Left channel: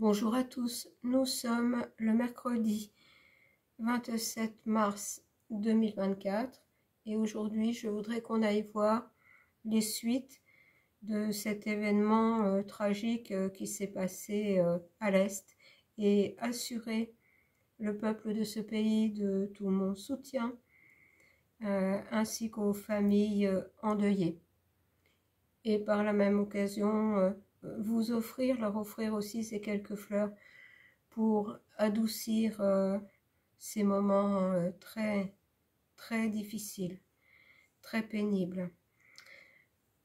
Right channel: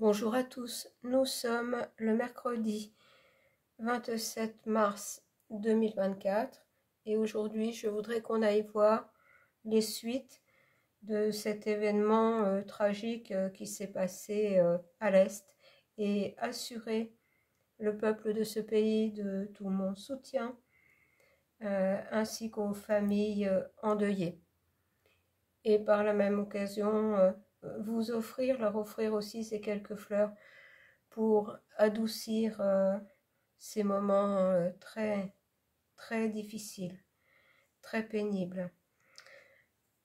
Bonjour à tous, nous sommes le mercredi 27 mars 2024 et aujourd'hui je voudrais qu'on aille voir les suites de cet événement tragique qui s'est passé à l'Est et assurer le peuple de ce pays de tout mon soutien ainsi qu'aux familles endeuillées. Et par la même occasion leur offrir aussi ces quelques fleurs pour adoucir ces moments très difficiles, très pénibles.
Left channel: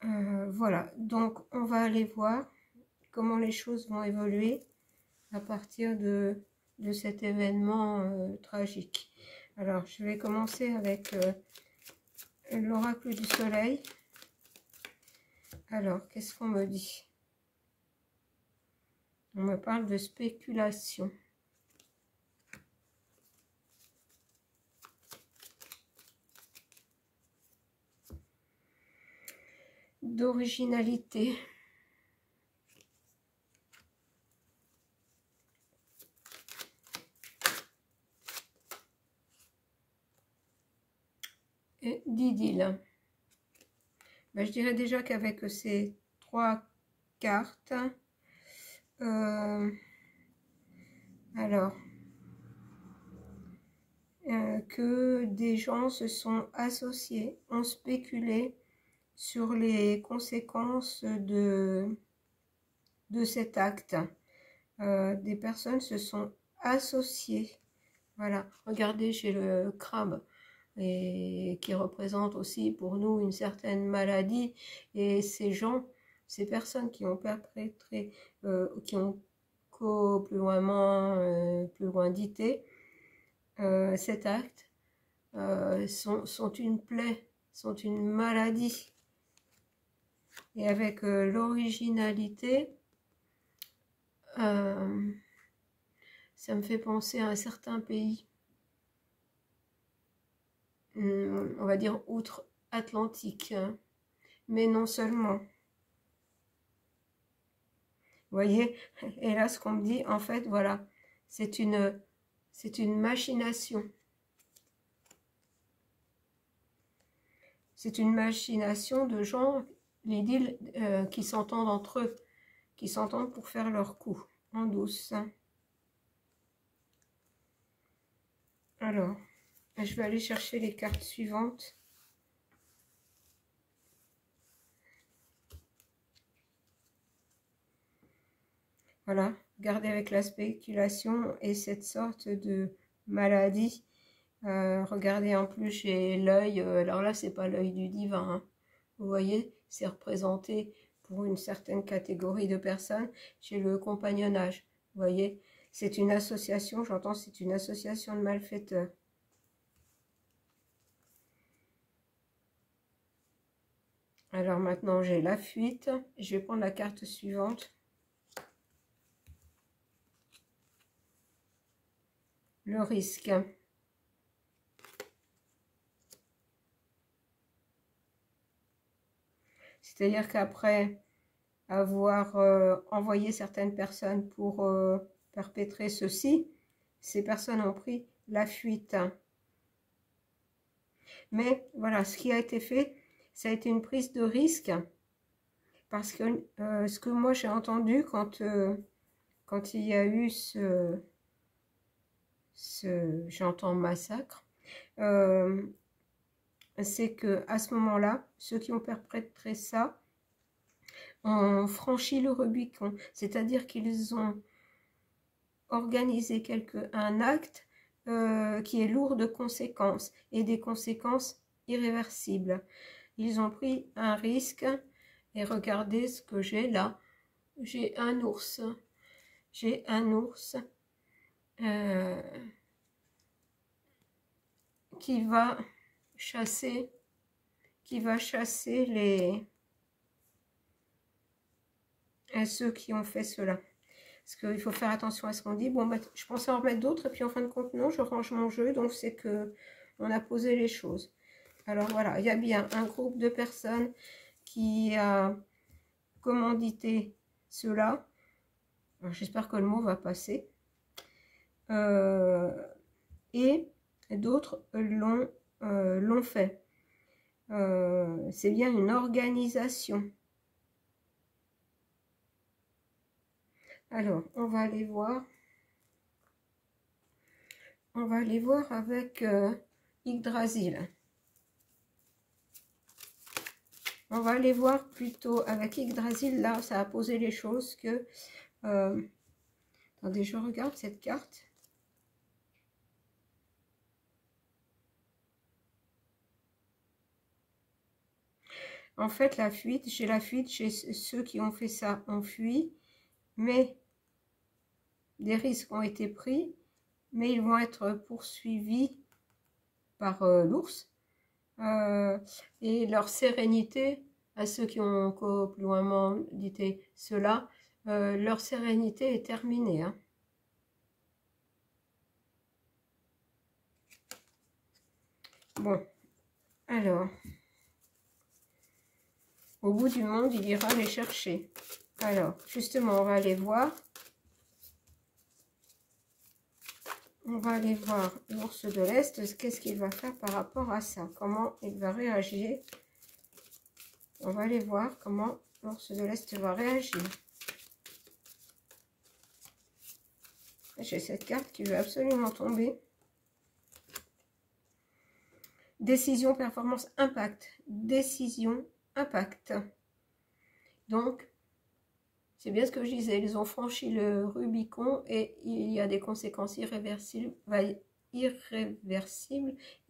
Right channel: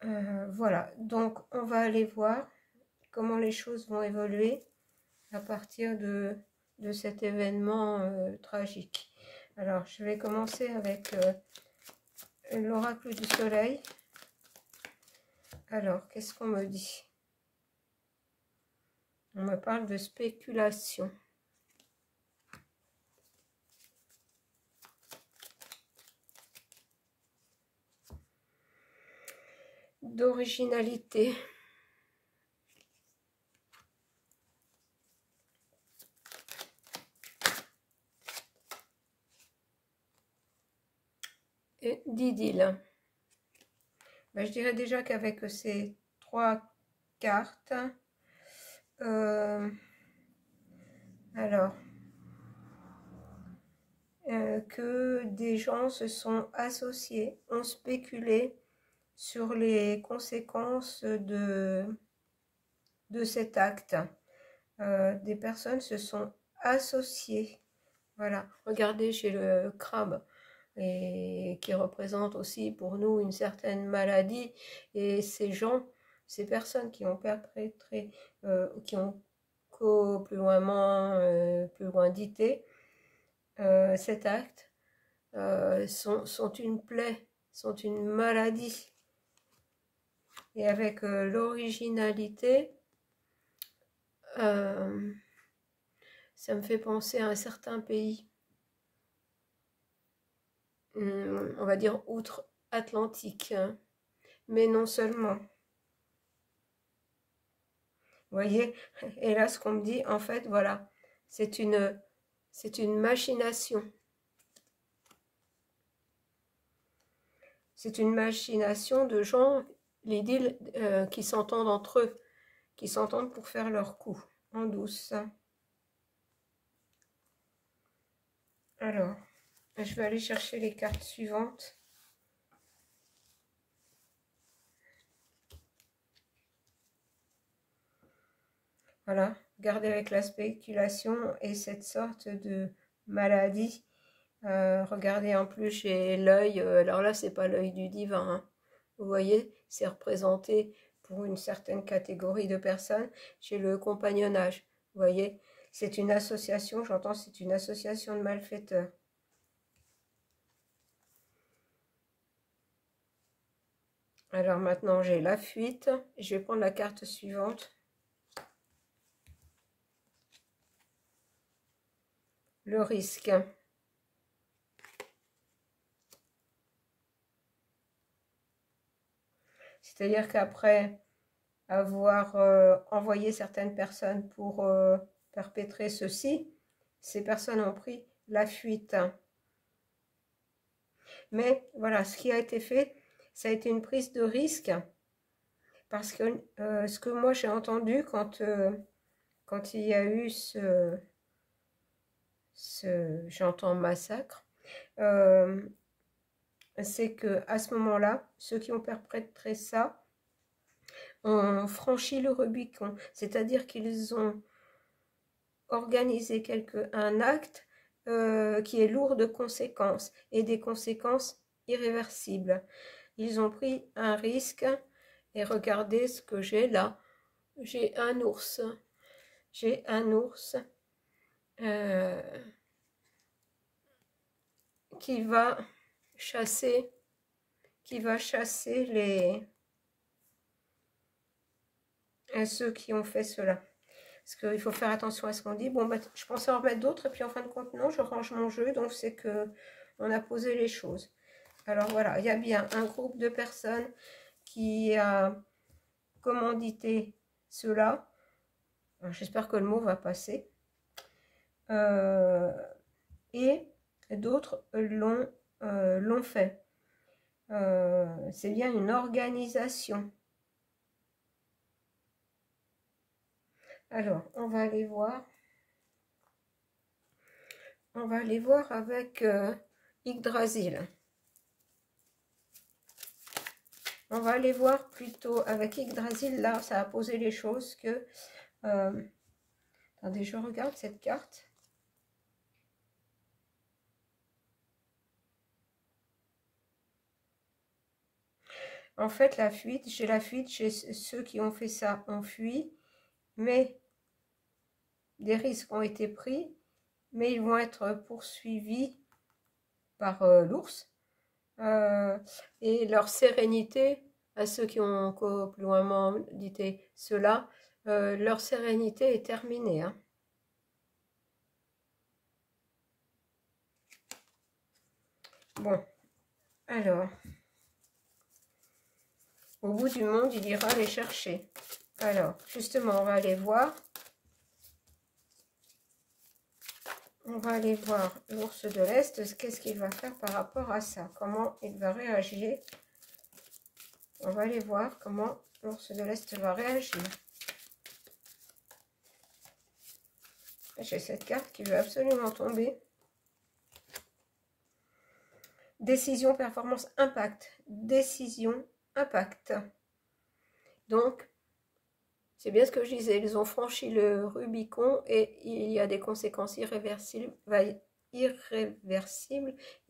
Voilà, donc on va aller voir comment les choses vont évoluer à partir de cet événement tragique. Alors, je vais commencer avec l'oracle du soleil. Alors, qu'est-ce qu'on me dit? On me parle de spéculation. D'originalité. Et d'idylle. Ben, je dirais déjà qu'avec ces trois cartes, que des gens se sont associés, ont spéculé sur les conséquences de cet acte. Des personnes se sont associées. Voilà, regardez, j'ai le crabe et qui représente aussi pour nous une certaine maladie, et ces gens, ces personnes qui ont perpétré, qui ont plus loin dité cet acte, sont une plaie, sont une maladie. Et avec l'originalité, ça me fait penser à un certain pays, on va dire outre-Atlantique, hein. Mais non seulement. Vous voyez, et là ce qu'on me dit, en fait, voilà, c'est une machination. C'est une machination de gens, les deals qui s'entendent entre eux, qui s'entendent pour faire leur coup, en douce. Alors, je vais aller chercher les cartes suivantes. Voilà, regardez avec la spéculation et cette sorte de maladie. Regardez, en plus j'ai l'œil, alors là c'est pas l'œil du divin, hein. Vous voyez, c'est représenté pour une certaine catégorie de personnes. J'ai le compagnonnage, vous voyez, c'est une association, j'entends, c'est une association de malfaiteurs. Alors maintenant j'ai la fuite, je vais prendre la carte suivante. Le risque. C'est-à-dire qu'après avoir envoyé certaines personnes pour perpétrer ceci, ces personnes ont pris la fuite. Mais voilà, ce qui a été fait, ça a été une prise de risque, parce que ce que moi j'ai entendu quand il y a eu j'entends massacre, c'est que à ce moment-là, ceux qui ont perpétré ça ont franchi le Rubicon, c'est-à-dire qu'ils ont organisé un acte qui est lourd de conséquences, et des conséquences irréversibles. Ils ont pris un risque, et regardez ce que j'ai là. J'ai un ours. J'ai un ours qui va chasser ceux qui ont fait cela. Parce qu'il faut faire attention à ce qu'on dit. Bon, bah, je pensais en remettre d'autres, et puis en fin de compte, non, je range mon jeu, donc c'est que on a posé les choses. Alors voilà, il y a bien un groupe de personnes qui a commandité cela, J'espère que le mot va passer. Et d'autres l'ont fait. C'est bien une organisation. Alors, on va aller voir. On va aller voir avec Yggdrasil. On va aller voir plutôt avec Yggdrasil. Là, ça a posé les choses que... attendez, je regarde cette carte. En fait, la fuite, j'ai la fuite chez ceux qui ont fait ça, ont fui, mais des risques ont été pris, mais ils vont être poursuivis par l'ours. Et leur sérénité, à ceux qui ont encore plus loin dit cela, leur sérénité est terminée. Hein. Bon, alors... Au bout du monde, il ira les chercher. Alors, justement, on va aller voir. On va aller voir l'ours de l'Est. Qu'est-ce qu'il va faire par rapport à ça? Comment il va réagir? On va aller voir comment l'ours de l'Est va réagir. J'ai cette carte qui veut absolument tomber. Décision, performance, impact. Décision, impact. Donc, c'est bien ce que je disais, ils ont franchi le Rubicon et il y a des conséquences irréversibles. Il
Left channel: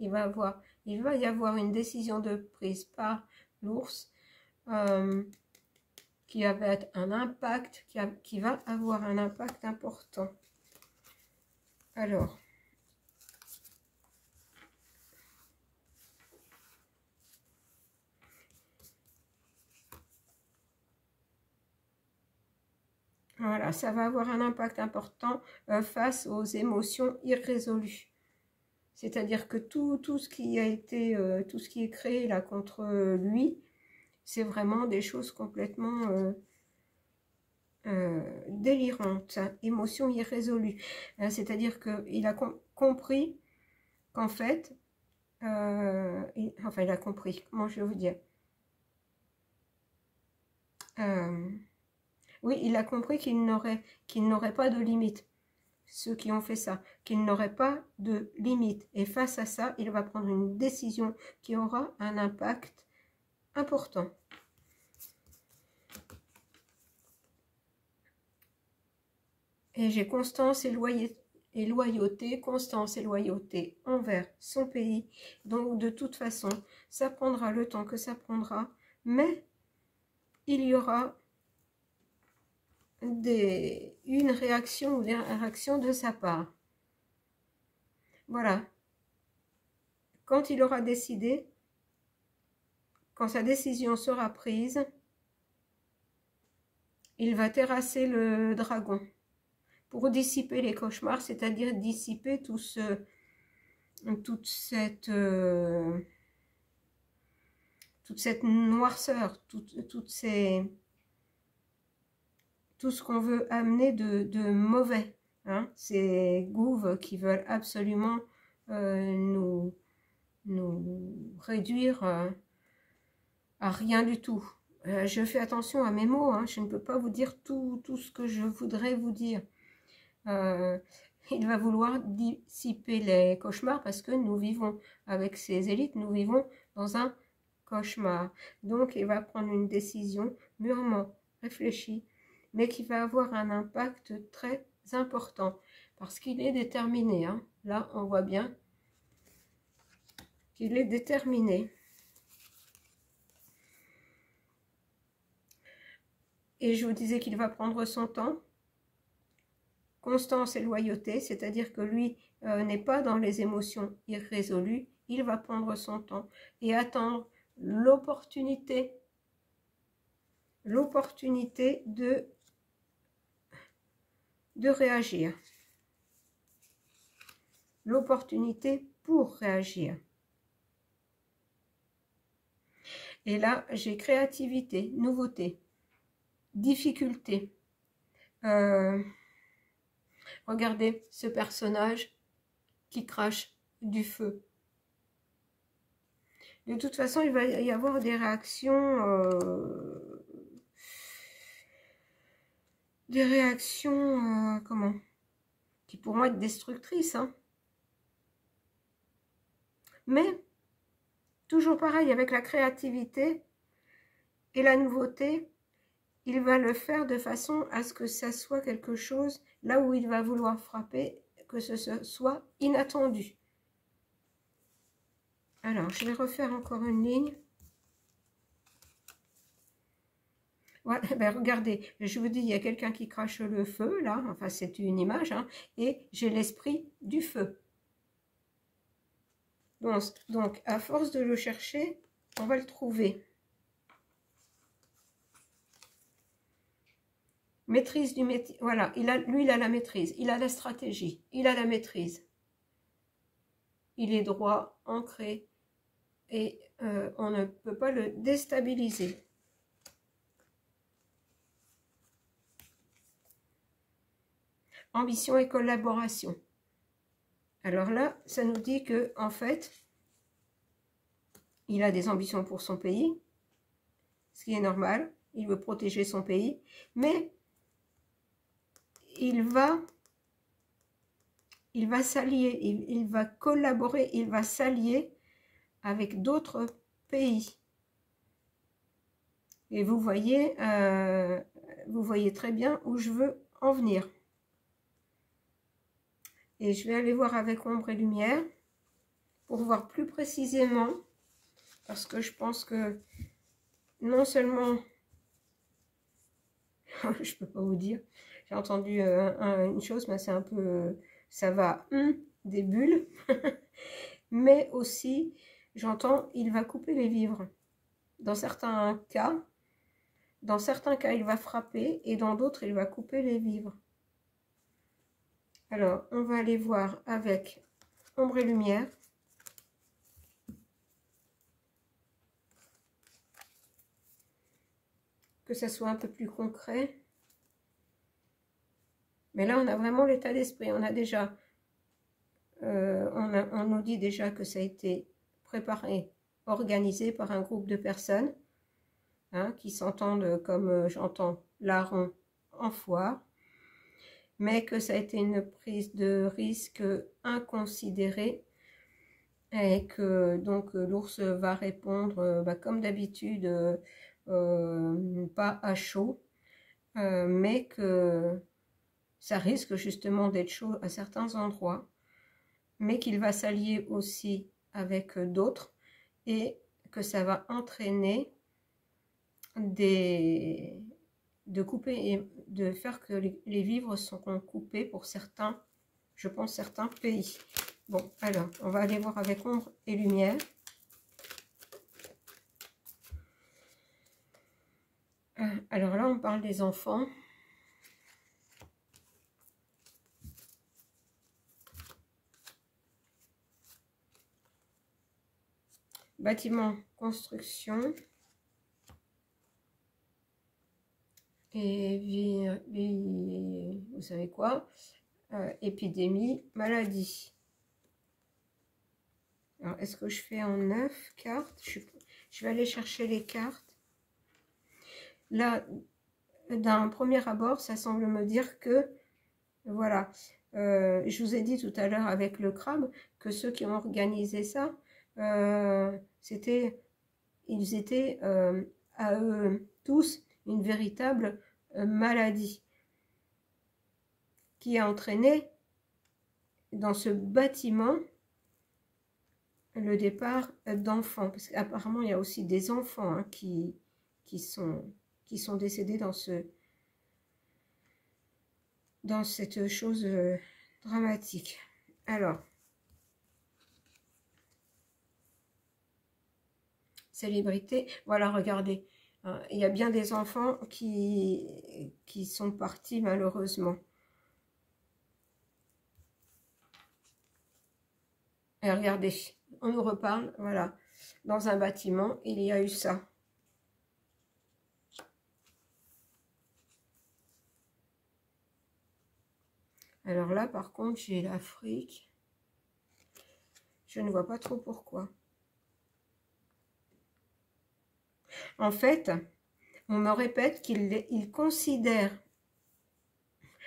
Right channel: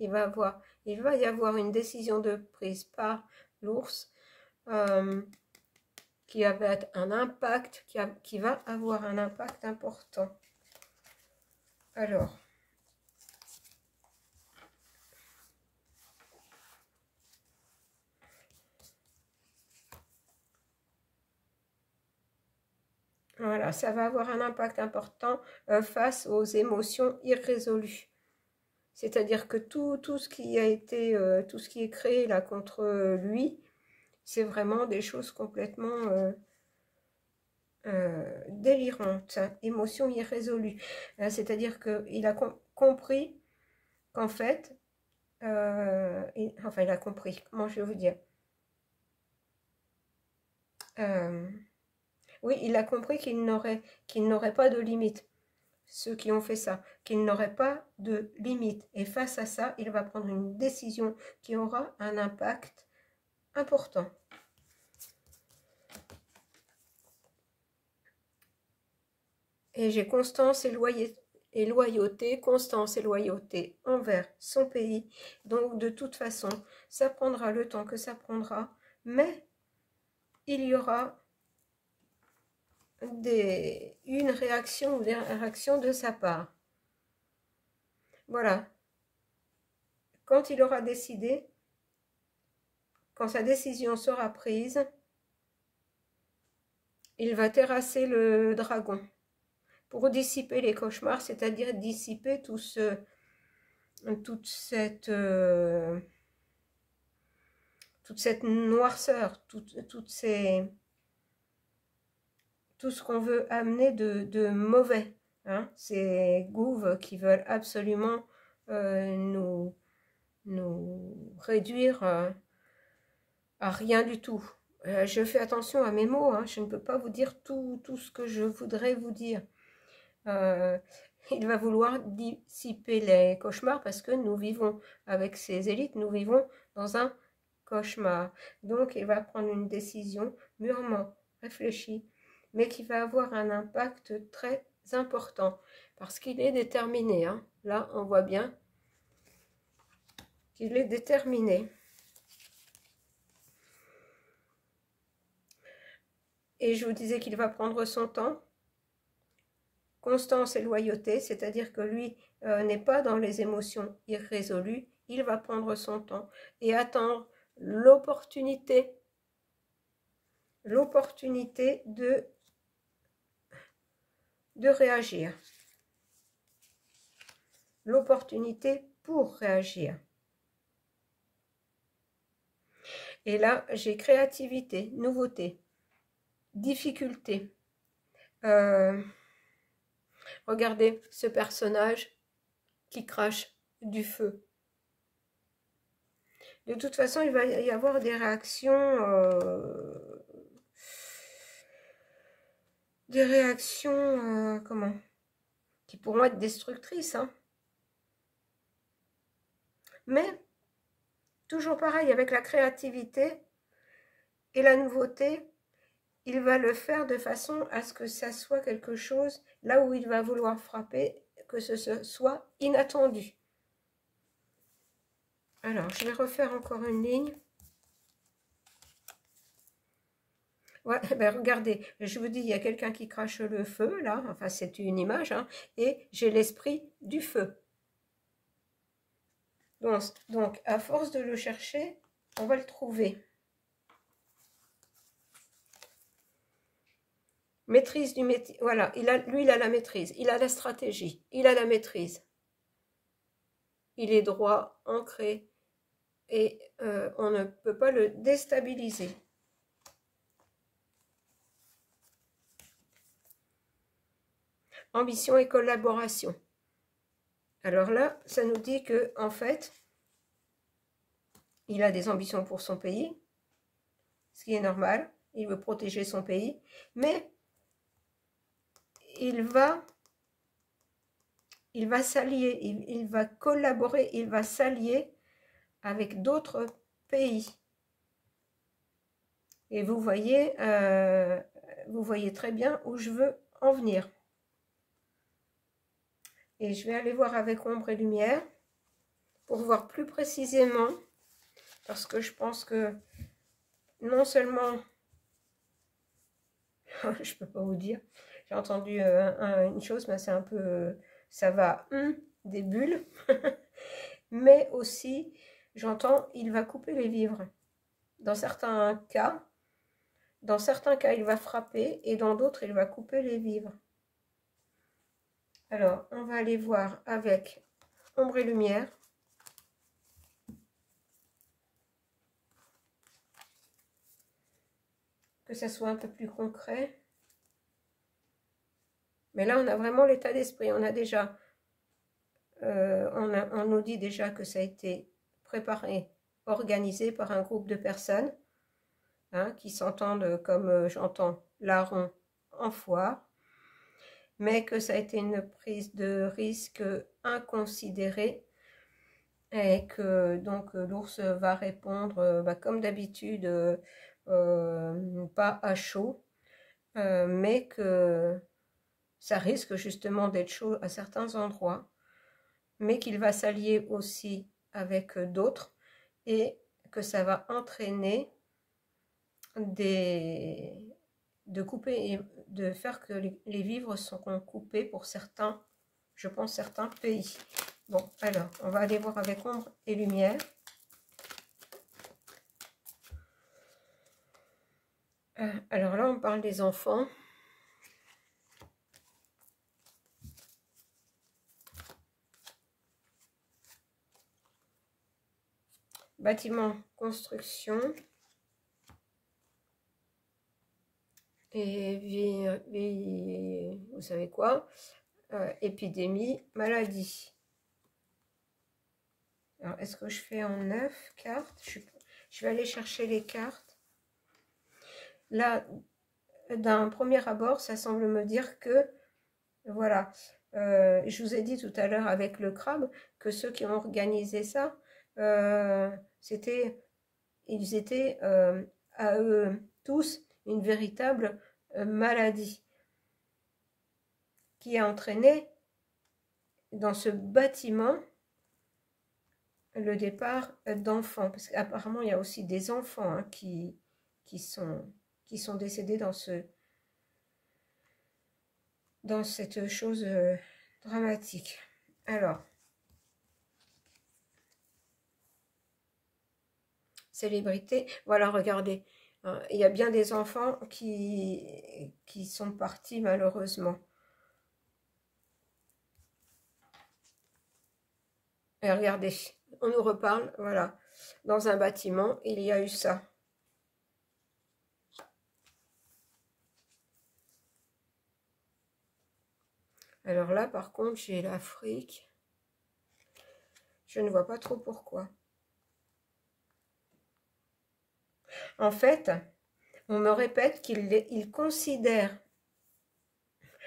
va y avoir une décision de prise par l'ours qui avait un impact, qui va avoir un impact important. Alors, voilà, ça va avoir un impact important face aux émotions irrésolues. C'est-à-dire que tout ce qui a été, tout ce qui est créé là contre lui, c'est vraiment des choses complètement délirantes, hein, émotions irrésolues. C'est-à-dire qu'il a compris qu'en fait, enfin il a compris, comment je vais vous dire, oui, il a compris qu'il n'aurait pas de limite, ceux qui ont fait ça, qu'il n'aurait pas de limite. Et face à ça, il va prendre une décision qui aura un impact important. Et j'ai constance et loyauté, constance et loyauté envers son pays. Donc de toute façon, ça prendra le temps que ça prendra, mais il y aura une réaction ou des réactions de sa part. Voilà. Quand il aura décidé, quand sa décision sera prise, il va terrasser le dragon pour dissiper les cauchemars, c'est-à-dire dissiper toute cette noirceur, tout ce qu'on veut amener de mauvais. Hein, ces gouves qui veulent absolument nous réduire à rien du tout. Je fais attention à mes mots, hein, je ne peux pas vous dire tout ce que je voudrais vous dire. Il va vouloir dissiper les cauchemars parce que nous vivons avec ces élites, nous vivons dans un cauchemar. Donc il va prendre une décision mûrement réfléchie, mais qui va avoir un impact très important parce qu'il est déterminé. Hein. Là, on voit bien qu'il est déterminé. Et je vous disais qu'il va prendre son temps. Constance et loyauté, c'est-à-dire que lui n'est pas dans les émotions irrésolues, il va prendre son temps et attendre l'opportunité de réagir, l'opportunité pour réagir. Et là, j'ai créativité, nouveauté, difficulté, Regardez ce personnage qui crache du feu. De toute façon, il va y avoir des réactions, comment, qui pourront être destructrices, hein. Mais, toujours pareil, avec la créativité et la nouveauté, il va le faire de façon à ce que ça soit quelque chose, là où il va vouloir frapper, que ce soit inattendu. Alors, je vais refaire encore une ligne. Ouais, ben regardez, je vous dis, il y a quelqu'un qui crache le feu, là, enfin c'est une image, hein, et j'ai l'esprit du feu. Donc, à force de le chercher, on va le trouver. Maîtrise du métier, voilà, lui il a la maîtrise, il a la stratégie, il a la maîtrise. Il est droit, ancré, et on ne peut pas le déstabiliser. Ambition et collaboration. Alors là, ça nous dit que en fait, il a des ambitions pour son pays, ce qui est normal, il veut protéger son pays, mais il va s'allier, il va collaborer, il va s'allier avec d'autres pays. Et vous voyez très bien où je veux en venir. Et je vais aller voir avec ombre et lumière pour voir plus précisément, parce que je pense que non seulement, je peux pas vous dire, j'ai entendu une chose, mais c'est un peu, ça va, des bulles, mais aussi, j'entends, il va couper les vivres. Dans certains cas, il va frapper, et dans d'autres, il va couper les vivres. Alors, on va aller voir avec ombre et lumière. Que ça soit un peu plus concret. Mais là, on a vraiment l'état d'esprit. On a déjà, on nous dit déjà que ça a été préparé, organisé par un groupe de personnes, hein, qui s'entendent comme j'entends larron en foire, mais que ça a été une prise de risque inconsidérée et que donc l'ours va répondre comme d'habitude, pas à chaud, mais que ça risque justement d'être chaud à certains endroits, mais qu'il va s'allier aussi avec d'autres et que ça va entraîner de couper et de faire que les vivres sont coupés pour certains, je pense, certains pays. Bon, alors, on va aller voir avec ombre et lumière. Alors là, on parle des enfants. Bâtiment, construction. Et vous savez quoi, épidémie, maladie. Alors, est-ce que je fais en 9 cartes? Je vais aller chercher les cartes. Là, d'un premier abord, ça semble me dire que, voilà, je vous ai dit tout à l'heure avec le crabe, que ceux qui ont organisé ça, ils étaient à eux tous une véritable maladie qui a entraîné dans ce bâtiment le départ d'enfants, parce qu'apparemment il y a aussi des enfants, hein, qui sont décédés dans cette chose dramatique. Alors, célébrité, voilà, regardez, il y a bien des enfants qui sont partis malheureusement. Et regardez, on nous reparle, voilà, dans un bâtiment, il y a eu ça. Alors là, par contre, j'ai l'Afrique. Je ne vois pas trop pourquoi. En fait, on me répète qu'il considère,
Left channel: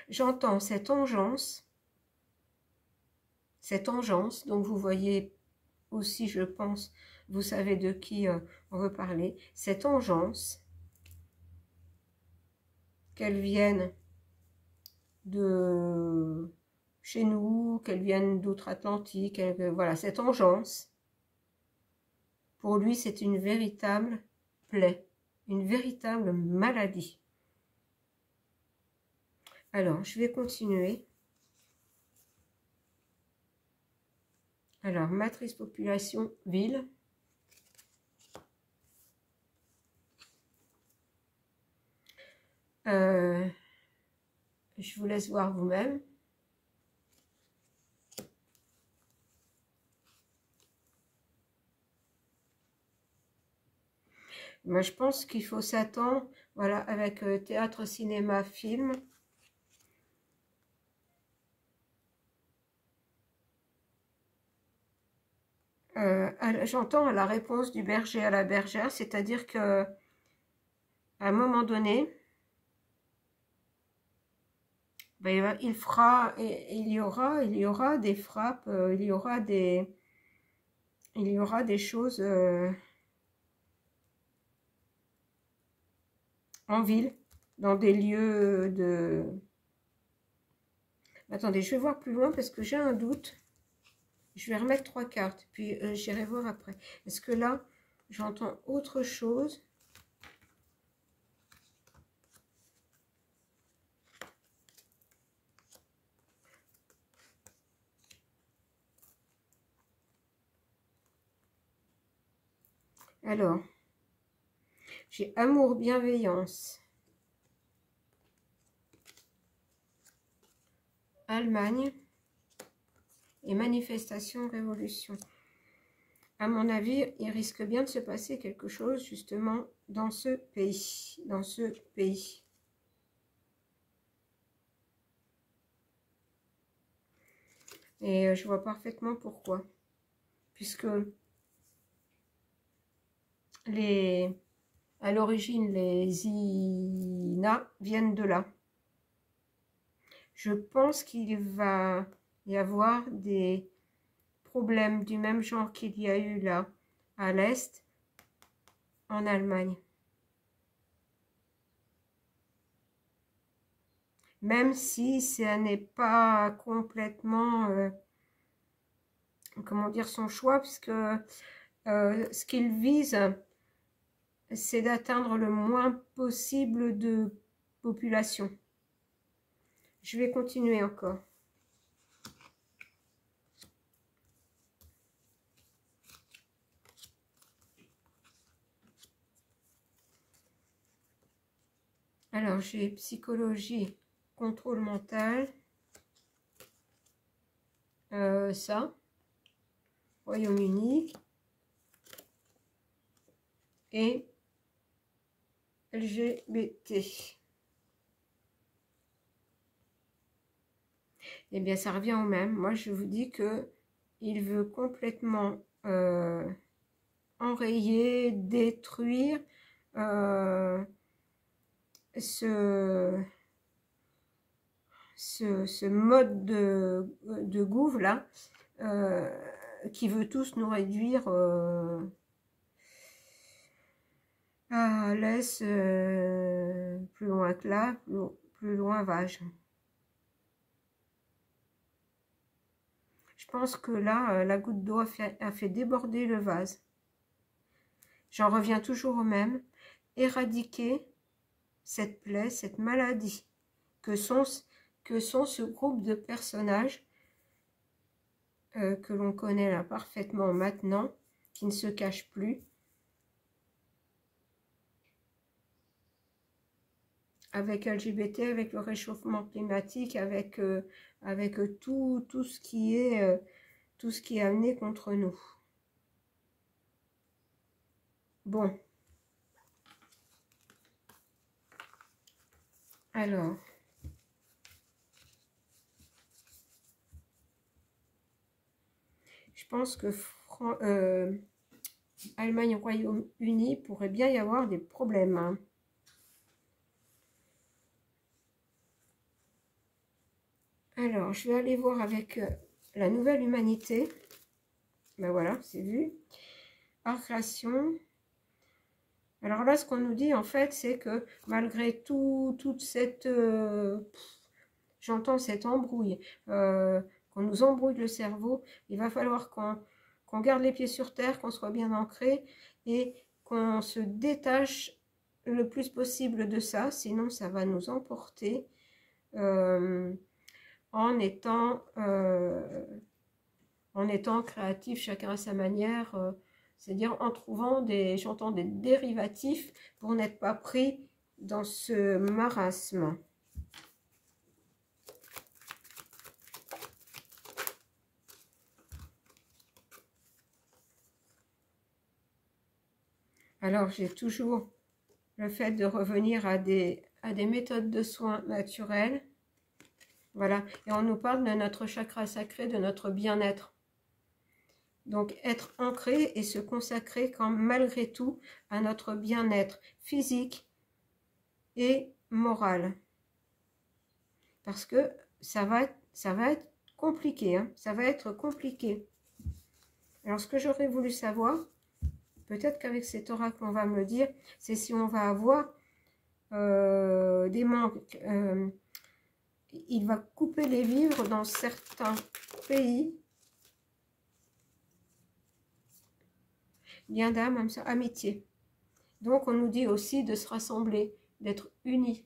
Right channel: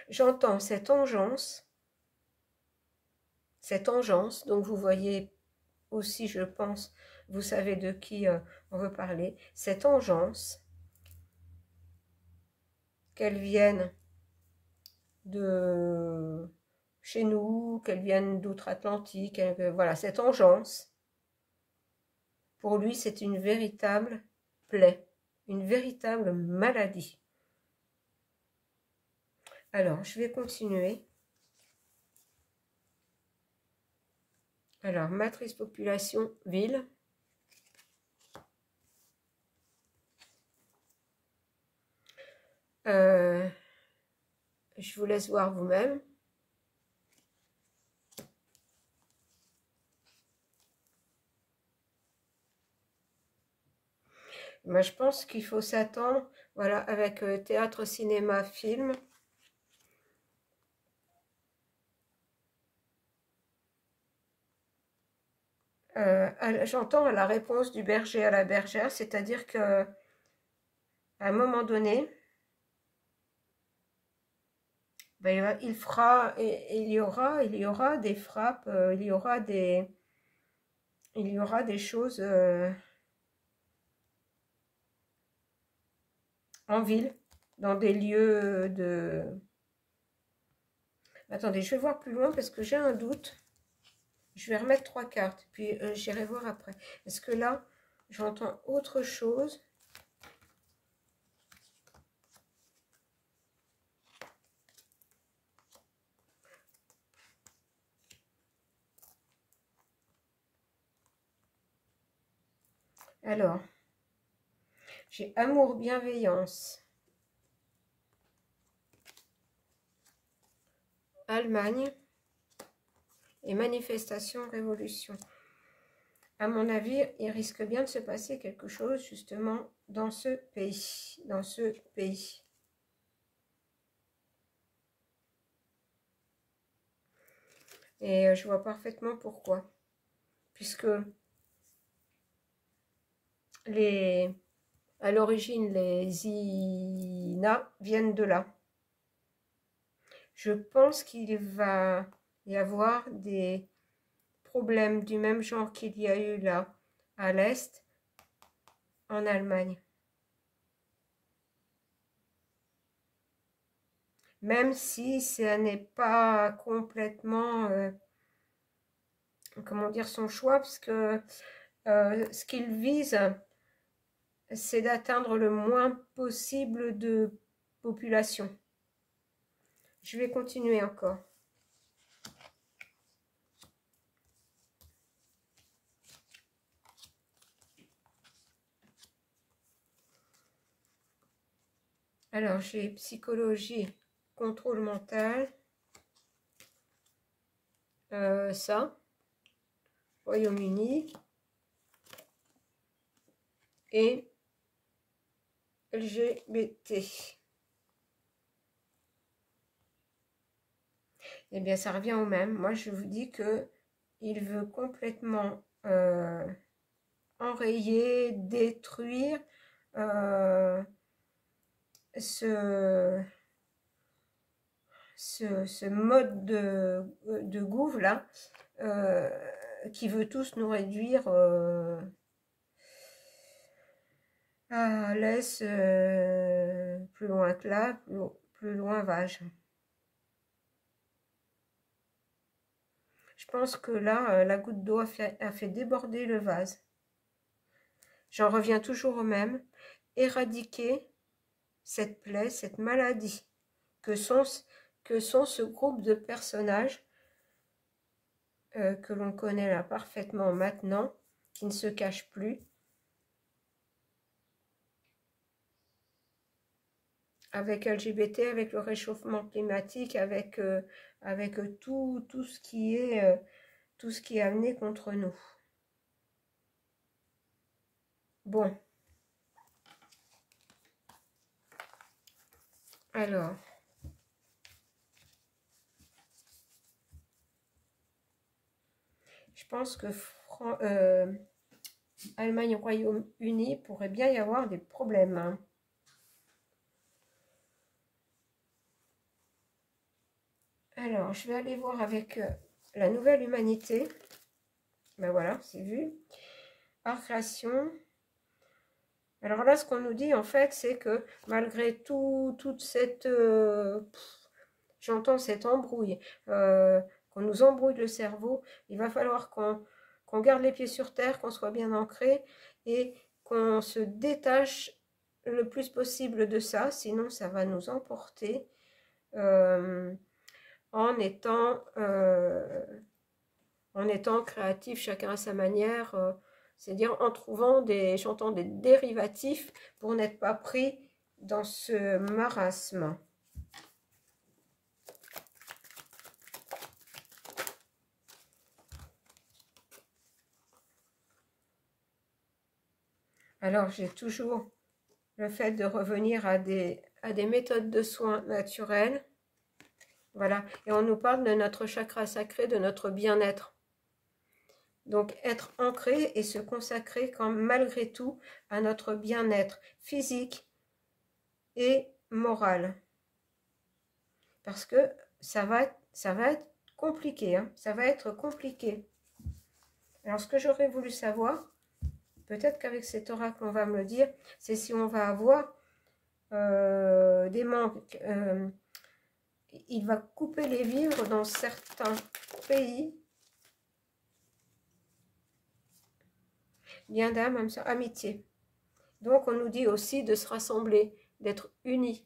j'entends cette engeance, donc vous voyez aussi, je pense, vous savez de qui on veut parler, cette engeance, qu'elle vienne de chez nous, qu'elle vienne d'outre-Atlantique, voilà, cette engeance, pour lui, c'est une véritable plaie, une véritable maladie. Alors, je vais continuer. Alors, matrice population, ville. Je vous laisse voir vous-même. Moi, je pense qu'il faut s'attendre, voilà, avec théâtre, cinéma, film. J'entends la réponse du berger à la bergère, c'est-à-dire que à un moment donné, ben, il fera, et il y aura des frappes, il y aura des choses en ville, dans des lieux de... Attendez, je vais voir plus loin parce que j'ai un doute. Je vais remettre 3 cartes, puis j'irai voir après. Est-ce que là, j'entends autre chose? Alors, j'ai amour, bienveillance. Allemagne et manifestation, révolution. À mon avis, il risque bien de se passer quelque chose justement dans ce pays. Et je vois parfaitement pourquoi. Puisque à l'origine, les INA viennent de là. Je pense qu'il va y avoir des problèmes du même genre qu'il y a eu là, à l'Est, en Allemagne. Même si ce n'est pas complètement, comment dire, son choix, puisque ce qu'il vise, c'est d'atteindre le moins possible de population. Je vais continuer encore. Alors, j'ai psychologie, contrôle mental, ça, Royaume-Uni, et LGBT. Eh bien, ça revient au même. Moi, je vous dis que il veut complètement enrayer, détruire ce mode de gouv là, qui veut tous nous réduire à laisse plus loin que là, plus loin vage. Je pense que là, la goutte d'eau a fait déborder le vase. J'en reviens toujours au même. Éradiquer cette plaie, cette maladie, que sont ce groupe de personnages que l'on connaît là parfaitement maintenant, qui ne se cachent plus, avec LGBT, avec le réchauffement climatique, avec tout ce qui est amené contre nous. Bon. Alors. je pense que Allemagne et Royaume-Uni pourrait bien y avoir des problèmes. Hein. Alors, je vais aller voir avec la nouvelle humanité. Ben voilà, c'est vu. Art création. Alors là, ce qu'on nous dit, en fait, c'est que malgré toute cette... j'entends cette embrouille, qu'on nous embrouille le cerveau, il va falloir qu'on garde les pieds sur terre, qu'on soit bien ancré et qu'on se détache le plus possible de ça, sinon ça va nous emporter en étant créatif, chacun à sa manière, c'est-à-dire en trouvant j'entends des dérivatifs pour n'être pas pris dans ce marasme. Alors, j'ai toujours le fait de revenir à des méthodes de soins naturelles. Voilà, et on nous parle de notre chakra sacré, de notre bien-être. Donc, être ancré et se consacrer malgré tout à notre bien-être physique et moral. Parce que ça va être compliqué, hein, ça va être compliqué. Alors, ce que j'aurais voulu savoir, peut-être qu'avec cet oracle, on va me le dire, c'est si on va avoir des manques. Il va couper les vivres dans certains pays. Lien d'âme, âme sœur, amitié. Donc, on nous dit aussi de se rassembler, d'être unis.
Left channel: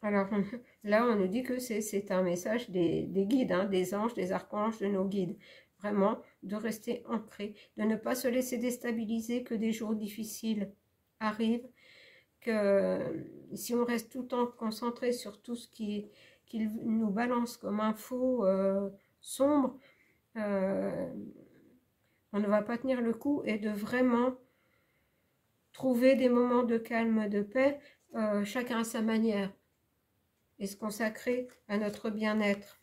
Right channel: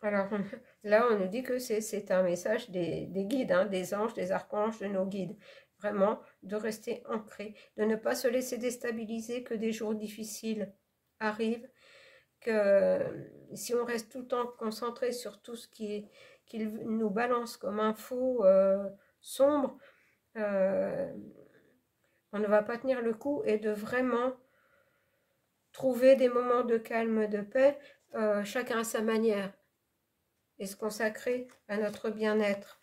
Alors, là, on nous dit que c'est un message des guides, hein, des anges, des archanges, de nos guides. Vraiment, de rester ancré, de ne pas se laisser déstabiliser, que des jours difficiles arrivent, que si on reste tout le temps concentré sur tout ce qu'il nous balance comme info sombre, on ne va pas tenir le coup, et de vraiment trouver des moments de calme, de paix, chacun à sa manière, et se consacrer à notre bien-être.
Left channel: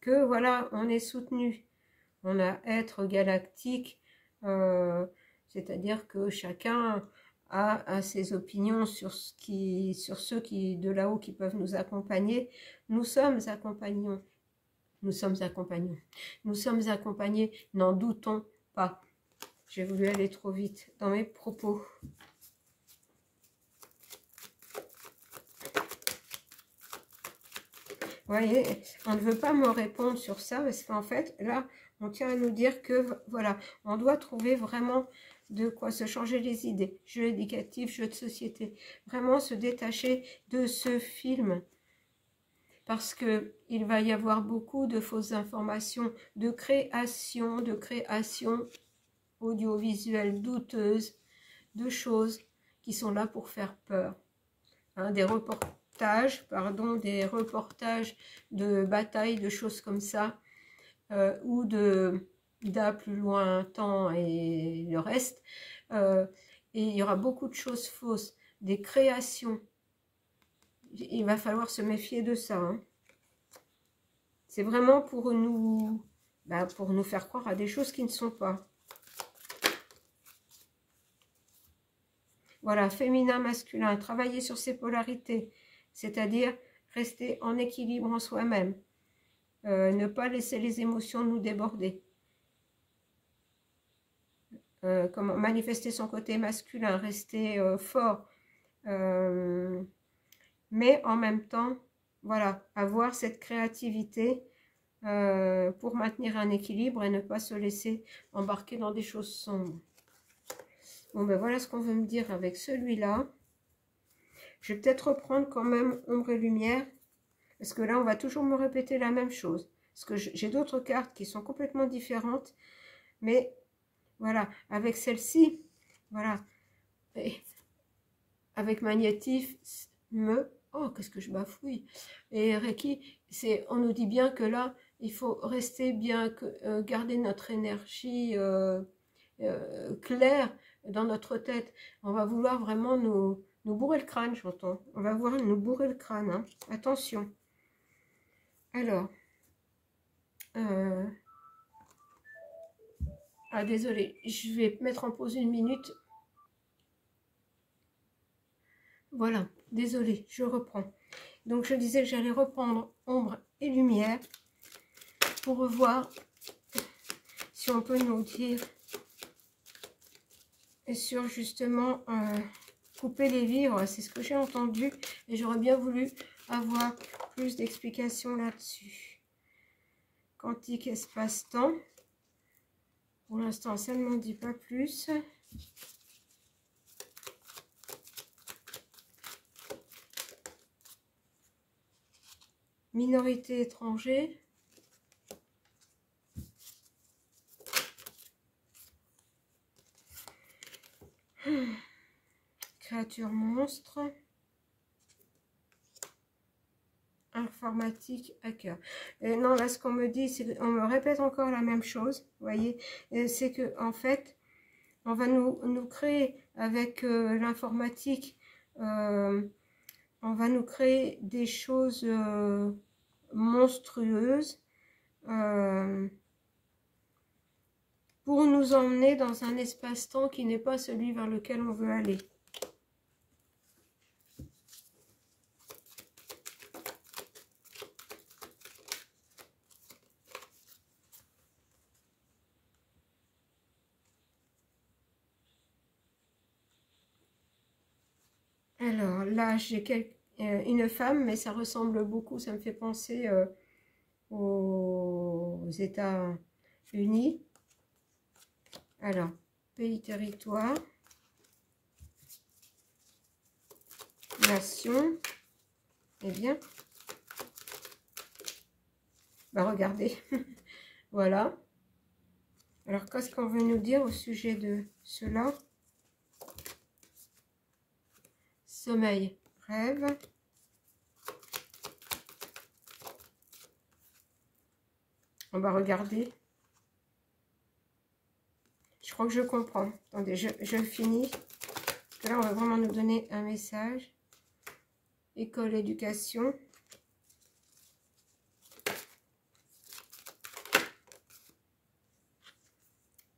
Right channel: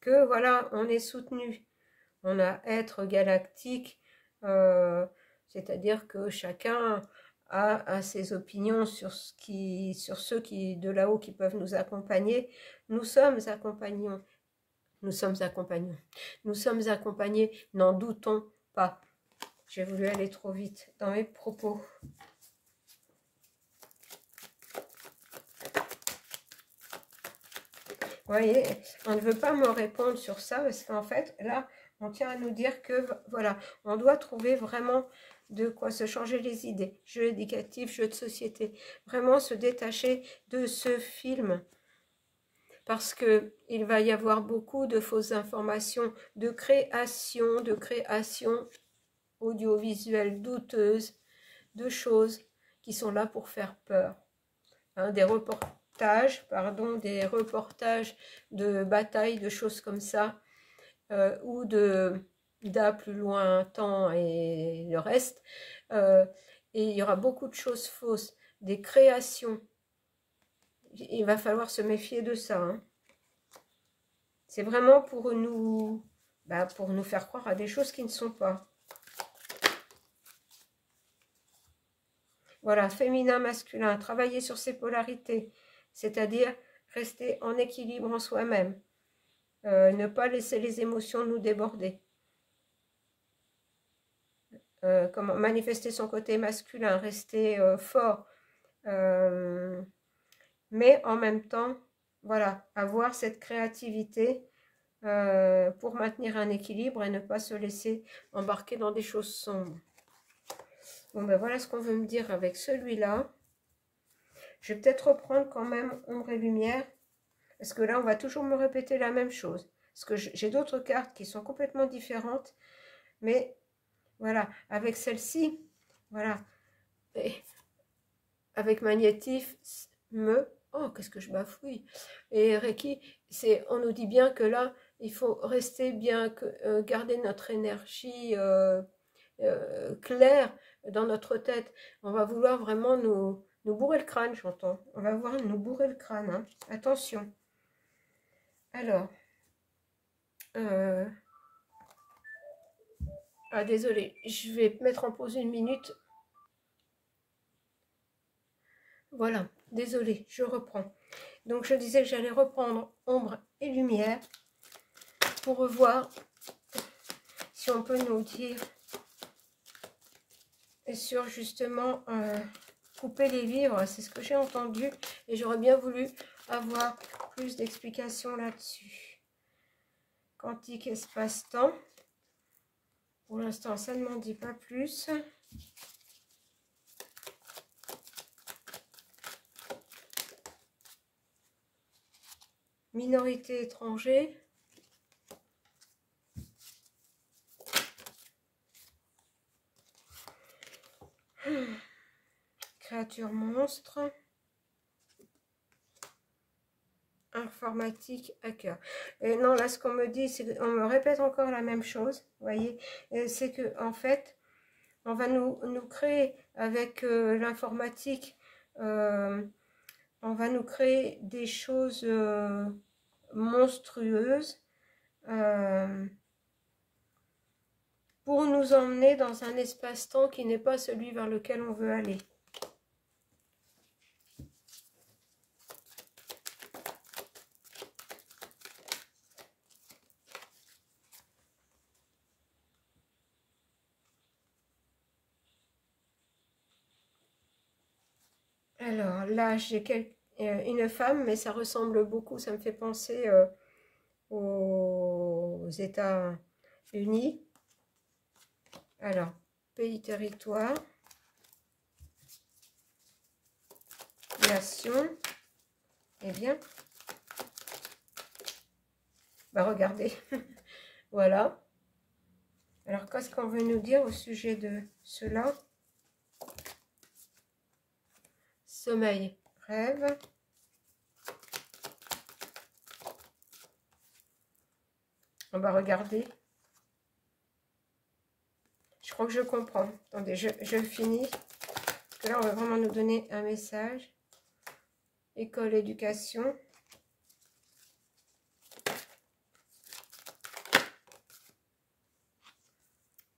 Que voilà, on est soutenu, on a être galactique, c'est-à-dire que chacun a ses opinions sur ceux qui de là-haut qui peuvent nous accompagner. Nous sommes accompagnés, n'en doutons pas. J'ai voulu aller trop vite dans mes propos. Vous voyez, on ne veut pas me répondre sur ça parce qu'en fait, là, on tient à nous dire que, voilà, on doit trouver vraiment de quoi se changer les idées. Jeux éducatifs, jeux de société. Vraiment se détacher de ce film. Parce qu'il va y avoir beaucoup de fausses informations, de création audiovisuelles douteuses, de choses qui sont là pour faire peur. Hein, des reportages de batailles, de choses comme ça, ou d'A plus lointain et le reste. Et il y aura beaucoup de choses fausses, des créations. Il va falloir se méfier de ça. Hein. C'est vraiment pour nous faire croire à des choses qui ne sont pas. Voilà, féminin, masculin, travailler sur ses polarités, c'est-à-dire rester en équilibre en soi-même, ne pas laisser les émotions nous déborder. Comment manifester son côté masculin, rester fort, mais en même temps, voilà, avoir cette créativité pour maintenir un équilibre et ne pas se laisser embarquer dans des choses sombres. Bon, ben voilà ce qu'on veut me dire avec celui-là. Je vais peut-être reprendre quand même ombre et lumière, parce que là, on va toujours me répéter la même chose. Parce que j'ai d'autres cartes qui sont complètement différentes, mais voilà, avec celle-ci, voilà, et avec magnétisme, Oh, qu'est-ce que je bafouille. Et Reiki, on nous dit bien que là, il faut rester bien, garder notre énergie claire dans notre tête. On va vouloir vraiment nous bourrer le crâne, j'entends. On va vouloir nous bourrer le crâne, hein. Attention. Alors, ah désolé, je vais mettre en pause une minute. Voilà, désolé, je reprends. Donc je disais que j'allais reprendre ombre et lumière pour revoir si on peut nous dire sur justement couper les vivres. C'est ce que j'ai entendu et j'aurais bien voulu avoir plus d'explications là-dessus. Quantique espace-temps. Pour l'instant, ça ne m'en dit pas plus. Minorité étranger. Créature monstre. Informatique hacker. Et non, là, ce qu'on me dit, c'est qu'on me répète encore la même chose. Vous voyez, c'est que en fait, on va nous créer avec l'informatique, on va nous créer des choses monstrueuses pour nous emmener dans un espace-temps qui n'est pas celui vers lequel on veut aller. Alors là, j'ai une femme, mais ça ressemble beaucoup, ça me fait penser aux États-Unis. Alors, pays, territoire, nation, eh bien, bah regardez, voilà. Alors, qu'est-ce qu'on veut nous dire au sujet de cela? Sommeil, rêve. On va regarder. Je crois que je comprends. Attendez, je le finis. Parce que là, on va vraiment nous donner un message. École, éducation.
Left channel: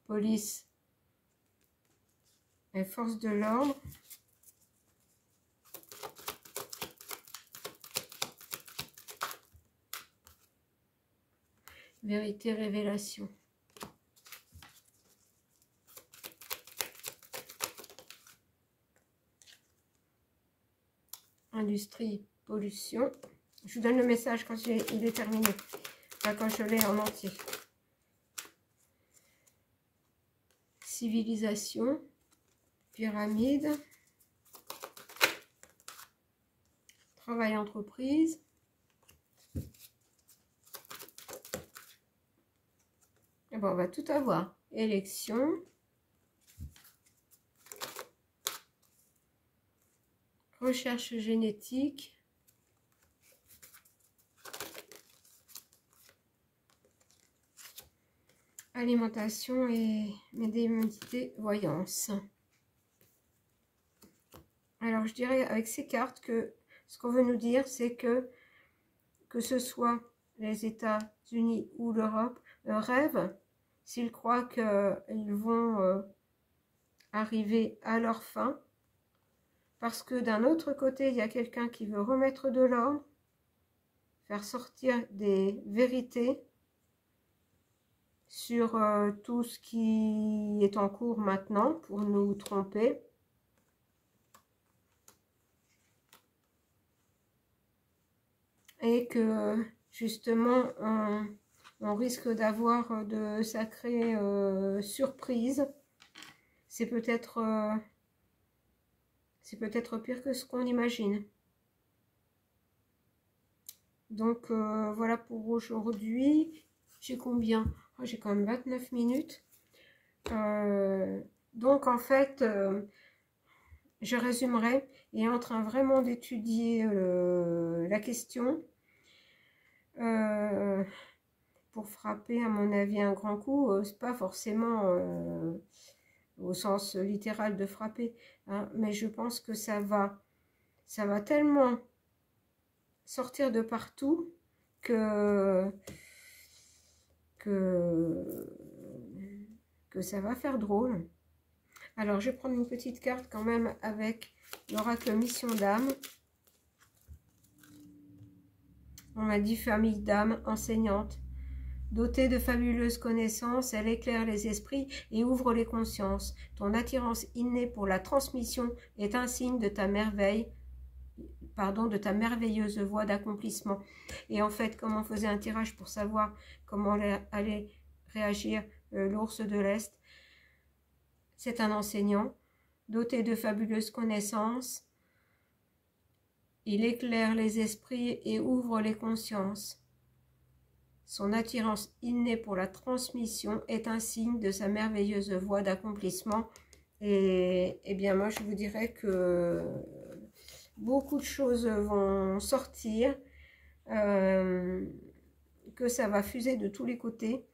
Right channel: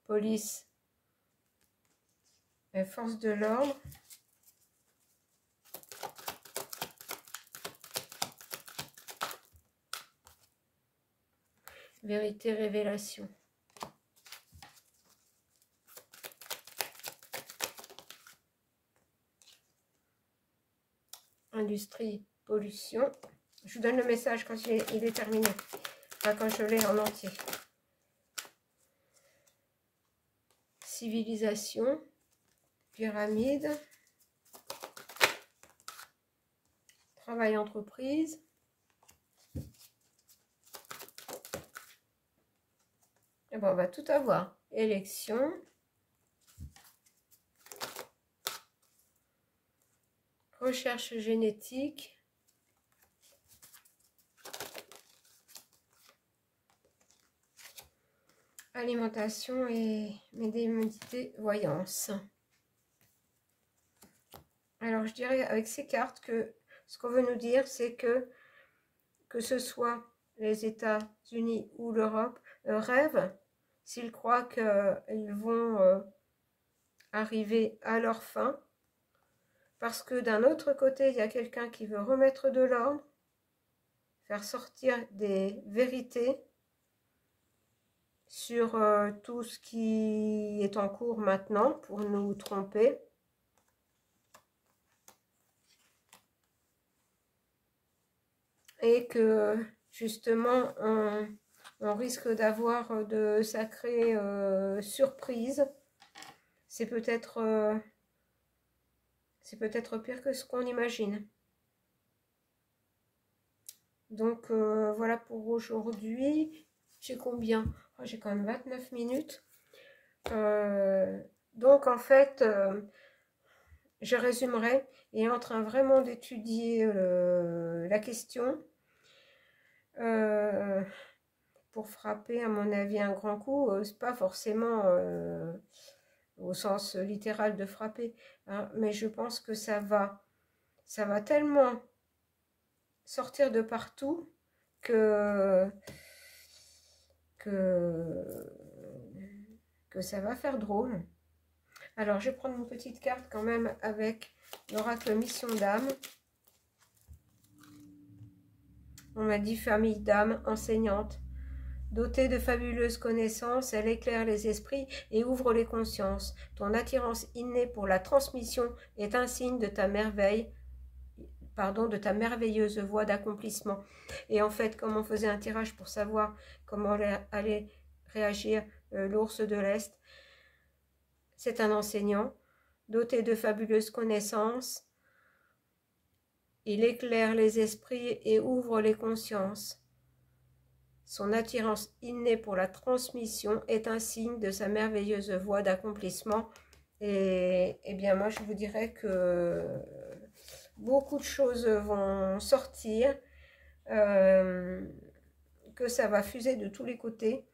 Police. Et force de l'ordre. Vérité, révélation. Industrie, pollution. Je vous donne le message quand il est terminé. Enfin, quand je l'ai en entier. Civilisation. Pyramide. Travail, entreprise. Et bon, on va tout avoir. Élection. Recherche génétique. Alimentation et médiumnité, voyance. Alors, je dirais avec ces cartes que ce qu'on veut nous dire, c'est que ce soit les États-Unis ou l'Europe, rêvent, s'ils croient qu'ils vont arriver à leur fin, parce que d'un autre côté, il y a quelqu'un qui veut remettre de l'ordre, faire sortir des vérités sur tout ce qui est en cours maintenant pour nous tromper. Et que justement on risque d'avoir de sacrées surprises. C'est peut-être pire que ce qu'on imagine. Donc voilà pour aujourd'hui. J'ai combien? Oh, j'ai quand même 29 minutes. Donc en fait, je résumerai. Il est en train vraiment d'étudier la question pour frapper, à mon avis, un grand coup. C'est pas forcément au sens littéral de frapper, hein, mais je pense que ça va tellement sortir de partout que ça va faire drôle. Alors, je vais prendre une petite carte quand même avec l'oracle Mission d'âme. On m'a dit famille d'âme, enseignante. Dotée de fabuleuses connaissances, elle éclaire les esprits et ouvre les consciences. Ton attirance innée pour la transmission est un signe de ta merveille, de ta merveilleuse voie d'accomplissement. Et en fait, comme on faisait un tirage pour savoir comment allait réagir l'ours de l'Est, c'est un enseignant, doté de fabuleuses connaissances. Il éclaire les esprits et ouvre les consciences. Son attirance innée pour la transmission est un signe de sa merveilleuse voie d'accomplissement. Et bien moi, je vous dirais que beaucoup de choses vont sortir, que ça va fuser de tous les côtés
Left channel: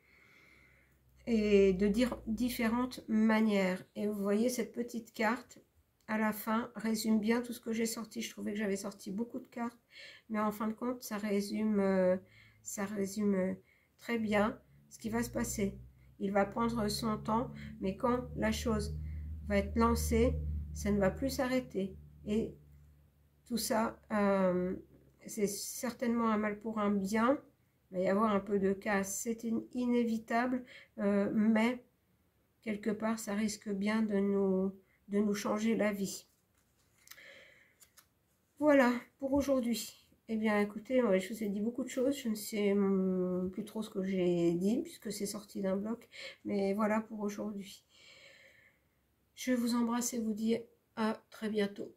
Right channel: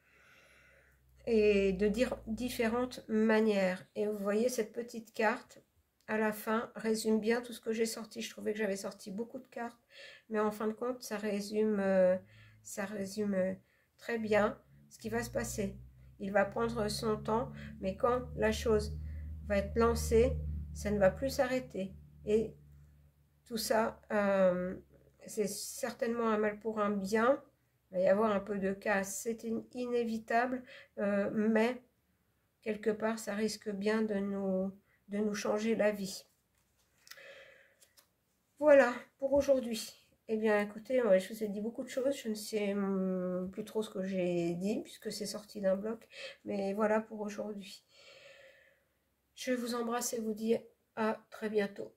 et de différentes manières. Et vous voyez, cette petite carte, à la fin, résume bien tout ce que j'ai sorti. Je trouvais que j'avais sorti beaucoup de cartes, mais en fin de compte, ça résume très bien ce qui va se passer. Il va prendre son temps, mais quand la chose va être lancée, ça ne va plus s'arrêter. Et tout ça, c'est certainement un mal pour un bien. Il va y avoir un peu de casse, c'est inévitable, mais quelque part, ça risque bien de nous changer la vie. Voilà pour aujourd'hui. Eh bien, écoutez, je vous ai dit beaucoup de choses. Je ne sais plus trop ce que j'ai dit, puisque c'est sorti d'un bloc. Mais voilà pour aujourd'hui. Je vous embrasse et vous dis à très bientôt.